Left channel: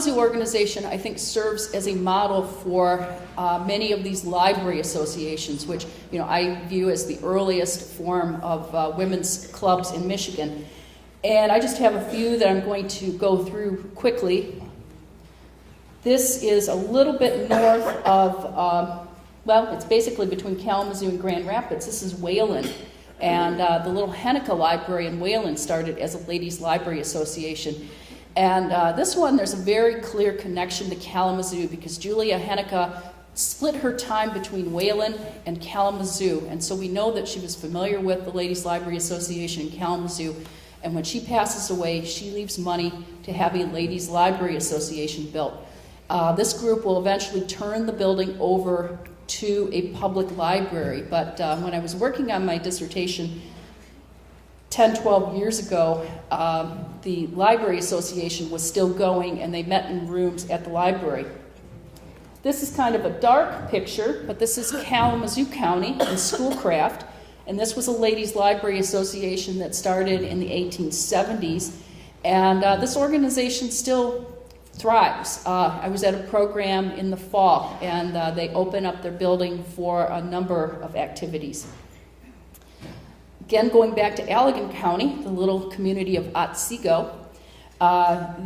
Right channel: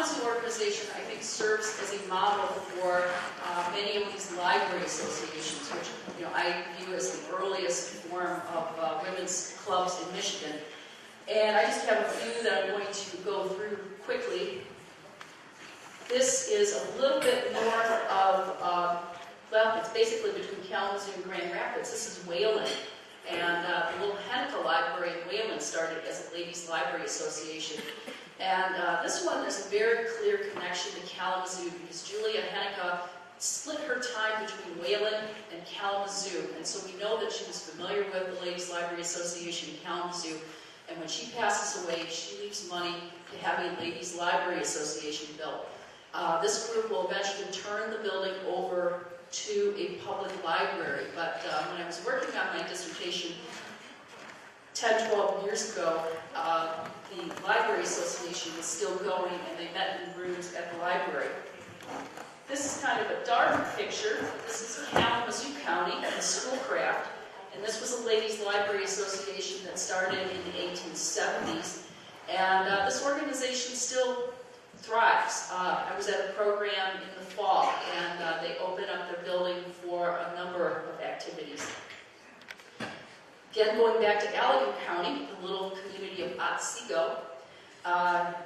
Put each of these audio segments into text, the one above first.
Kalamazoo organization, I think, serves as a model for many of these library associations, which I view as the earliest form of women's clubs in Michigan. And I just have a few that I'm going to go through quickly. This is a little bit north of, well, it's basically between Kalamazoo and Grand Rapids. This is Wayland. And the little Henniker Library in Wayland started as a ladies' library association. And this one, there's a very clear connection to Kalamazoo because Julia Henniker split her time between Wayland and Kalamazoo. And so we know that she was familiar with the Ladies' Library Association in Kalamazoo. And when she passes away, she leaves money to have a Ladies' Library Association built. This group will eventually turn the building over to a public library. But when I was working on my dissertation 10, 12 years ago, the Library Association was still going, and they met in rooms at the library. This is kind of a dark picture, but this is Kalamazoo County in Schoolcraft, and this was a Ladies' Library Association that started in the 1870s, and this organization still thrives. I was at a program in the fall, and they open up their building for a number of activities. Again, going back to Allegan County, the little community of Otsego,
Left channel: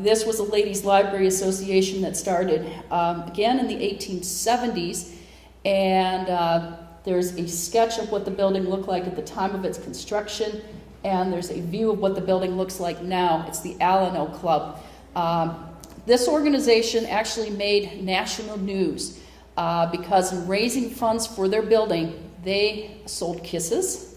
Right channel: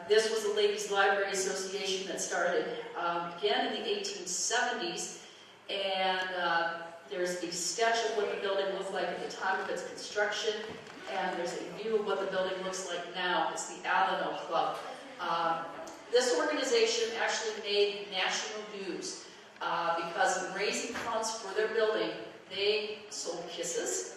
this was a Ladies' Library Association that started again in the 1870s, and there's a sketch of what the building looked like at the time of its construction, and there's a view of what the building looks like now. It's the Alano Club. This organization actually made national news because in raising funds for their building, they sold kisses.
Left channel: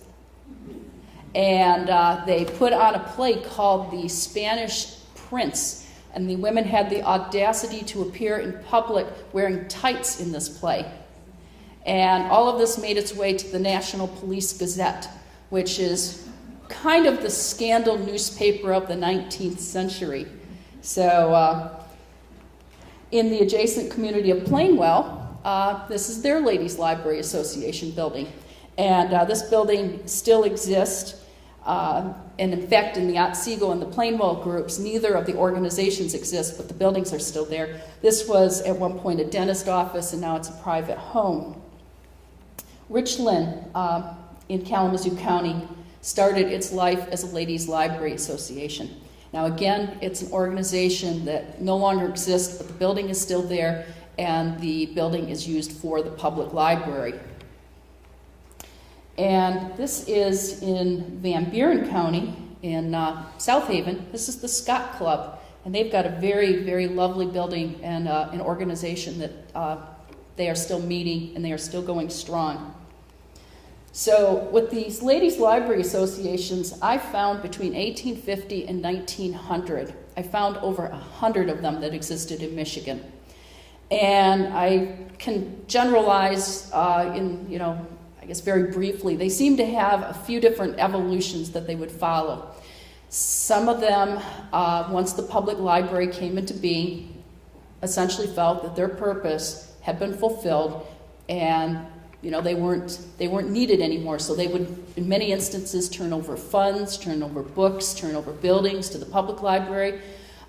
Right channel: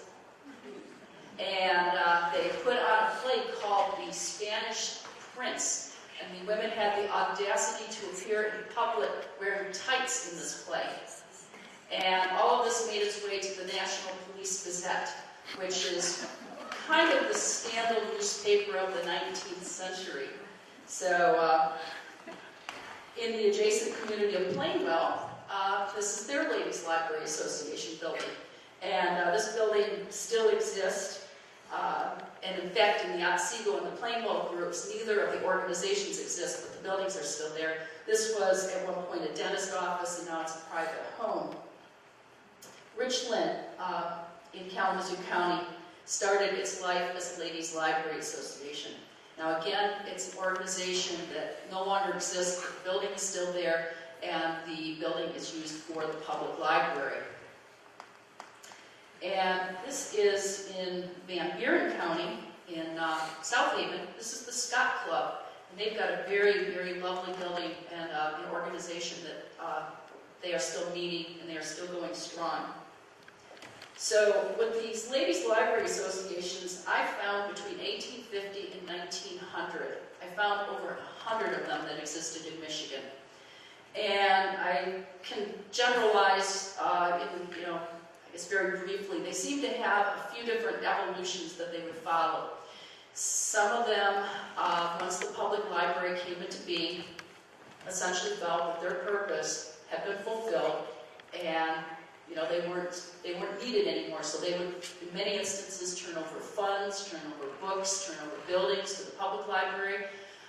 And they put on a play called The Spanish Prince. And the women had the audacity to appear in public wearing tights in this play. And all of this made its way to the National Police Gazette, which is kind of the scandal newspaper of the 19th century. So in the adjacent community of Plainwell, this is their Ladies' Library Association building. And this building still exists. And in fact, in the Otsego and the Plainwell groups, neither of the organizations exist, but the buildings are still there. This was at one point a dentist office, and now it's a private home. Richland in Kalamazoo County started its life as a Ladies' Library Association. Now again, it's an organization that no longer exists, but the building is still there, and the building is used for the public library. And this is in Van Buren County in South Haven. This is the Scott Club, and they've got a very, very lovely building and an organization that they are still meeting and they are still going strong. So with these Ladies' Library Associations, I found between 1850 and 1900, I found over 100 of them that existed in Michigan. And I can generalize I guess very briefly, they seem to have a few different evolutions that they would follow. Some of them, once the public library came into being, essentially felt that their purpose had been fulfilled, and they weren't needed anymore. So they would, in many instances, turn over funds, turn over books, turn over buildings to the public library.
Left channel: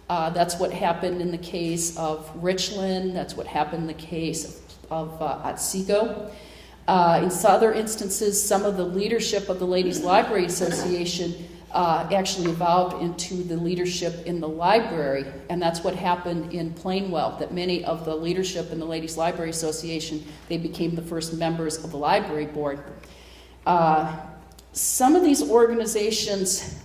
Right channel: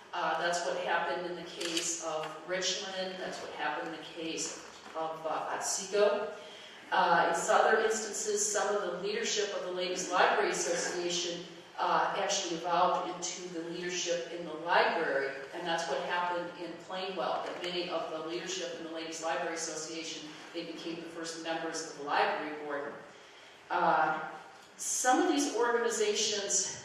That's what happened in the case of Richland. That's what happened in the case of Otsego. In other instances, some of the leadership of the Ladies' Library Association actually evolved into the leadership in the library, and that's what happened in Plainwell, that many of the leadership in the Ladies' Library Association, they became the first members of the library board. Some of these organizations,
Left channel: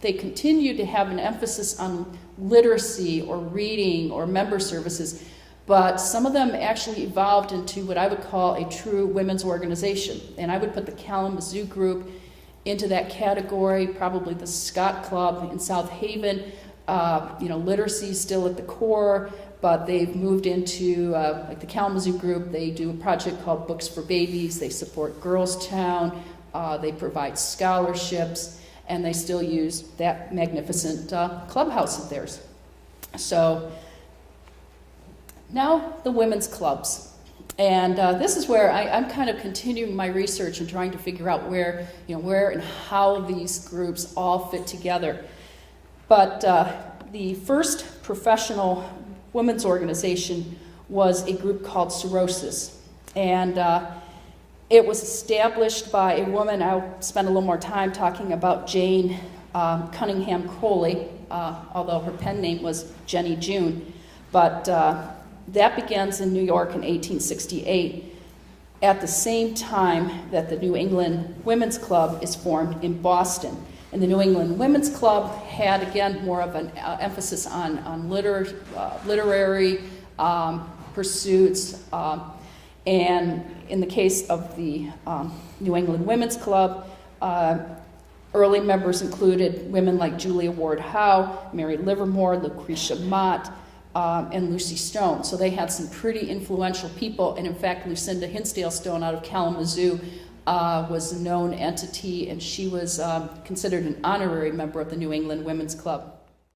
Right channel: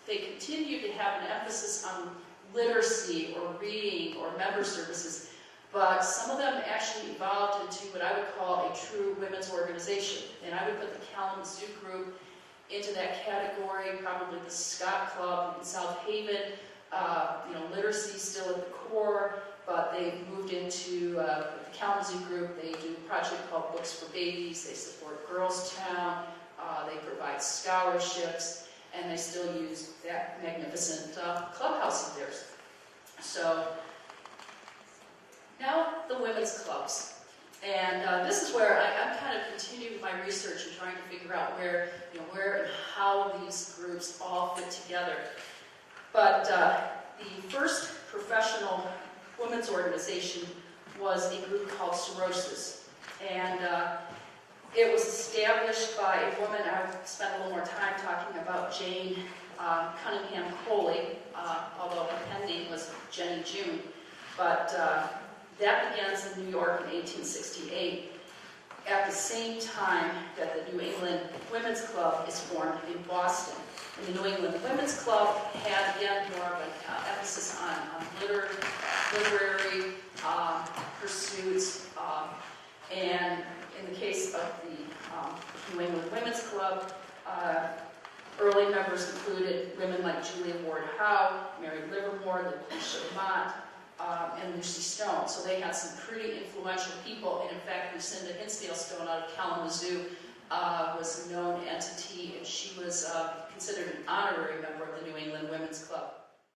they continue to have an emphasis on literacy or reading or member services, but some of them actually evolved into what I would call a true women's organization. And I would put the Kalamazoo group into that category, probably the Scott Club in South Haven. Literacy is still at the core, but they've moved into the Kalamazoo group. They do a project called Books for Babies. They support Girls Town. They provide scholarships, and they still use that magnificent clubhouse of theirs. So now the women's clubs. And this is where I'm kind of continuing my research and trying to figure out where and how these groups all fit together. But the first professional women's organization was a group called Cirrhosis. And it was established by a woman. I'll spend a little more time talking about Jane Cunningham Coley, although her pen name was Jenny June. But that begins in New York in 1868, at the same time that the New England Women's Club is formed in Boston. And the New England Women's Club had, again, more of an emphasis on literary pursuits. And in the case of the New England Women's Club, early members included women like Julia Ward Howe, Mary Livermore, Lucretia Mott, and Lucy Stone. So they had some pretty influential people, and in fact, Lucinda Hinsdale Stone out of Kalamazoo was a known entity, and she was considered an honorary member of the New England Women's Club.